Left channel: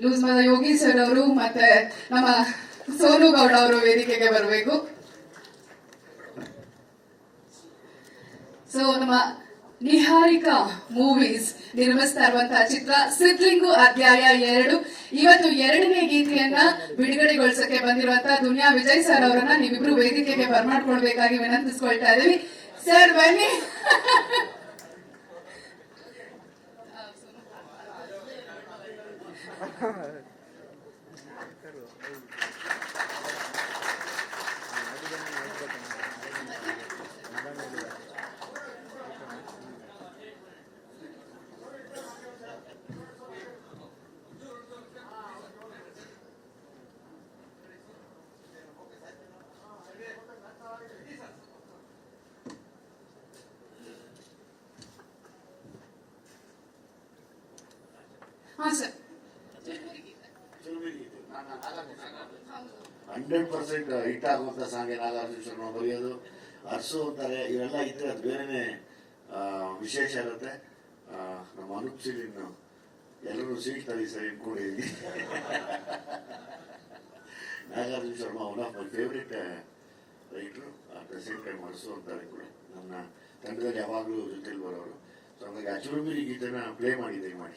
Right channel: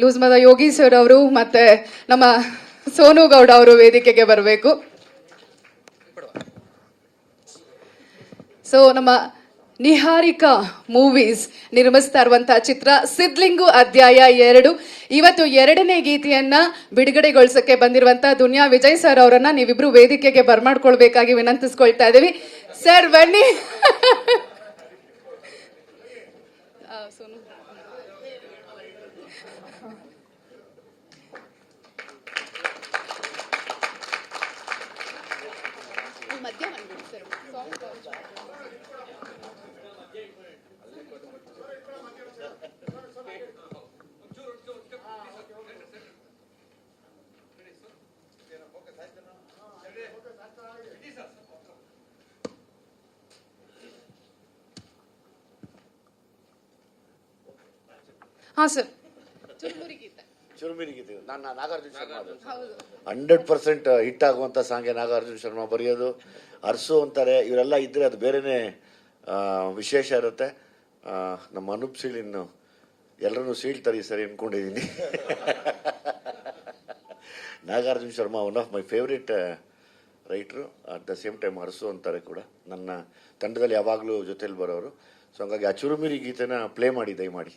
Loose ಮದ Yogi sir ಅವರು ಮತ್ತೆ ನಮ್ಮ ಸೋನು ಗೌಡ ಅವರು ವೇದಿಕೆಗೆ ಬರಬೇಕು. ಸೊ ನಮ್ಮ ನಿಹಾರಿಕಾ ಮೂವೀಸ್ ನಿರ್ಮಿಸ್ತಾ ಇರುವಂತಹ ಚಿತ್ರ ಸಿದ್ಲಿಂಗು ಅಧ್ಯಾಯ 2 ಇವತ್ತು 2ನೇ ಗೀತೆಯನ್ನ ಬಿಡುಗಡೆಗೊಳಿಸಕ್ಕೆ ಬಂದಿರುವಂತಹ ದುನಿಯಾ ವಿಜಯ್ ಸರ್ ಅವರನ್ನ ನೀವಿಬ್ರು ವೇದಿಕೆಗೆ ಬರ್ಮಾಡ್ಕೊಳ್ಬೇಕಾಗಿ ವಿನಂತಿಸ್ಕೊಳ್ತಾ ಇದೀವಿ. ಸರ್ ಬನ್ನಿ. ಹಾ ಸರ್, ಚುರುಮುರಿ ಗೀತೆ ನಾನು ನಾಗಾರ್ಜುನ ಶರ್ಮಾ 100% ಹಿಟ್ ಆಗುವಂಥ ಸಾಂಗೆ ನಾಗಾರ್ಜುನ ಶರ್ಮಾ ಬರೆಯೋದು. ಅರಸು ಅಂತಾರೆ, ಇವರೆಲ್ಲ ಇದ್ದರೆ ಅದು ಬೇರೆಯೇ ವಿಶೇಷ ಇರುತ್ತೆ. ನಮ್ಮ ಅನೂಪ್ ಸೀಳಿನ್ನು ಎಲ್ಲರನ್ನೂ ಸೀಳ್ತಾರೆ ಈ ಸರಿ ಅಂದ್ಕೊಂಡಿದ್ದೀನಿ. Nagarjuna Sharma one of my favourite ರೈಟ್ರು. At the same time Arasu ಅಂತಾರೆ ಕೂಡ ನನ್ನ ತಂಡದಲ್ಲಿ ಯಾವಾಗಲೂ ಜೊತೆಲಿ ಬರೋರು. ಸೊ ಹಂಗಾಗಿ ಆ ಚುರುಮುರಿ ಗೀತೆನ ಪ್ಲೇ ಮಾಡಿ ದಯಮಾಡಿ.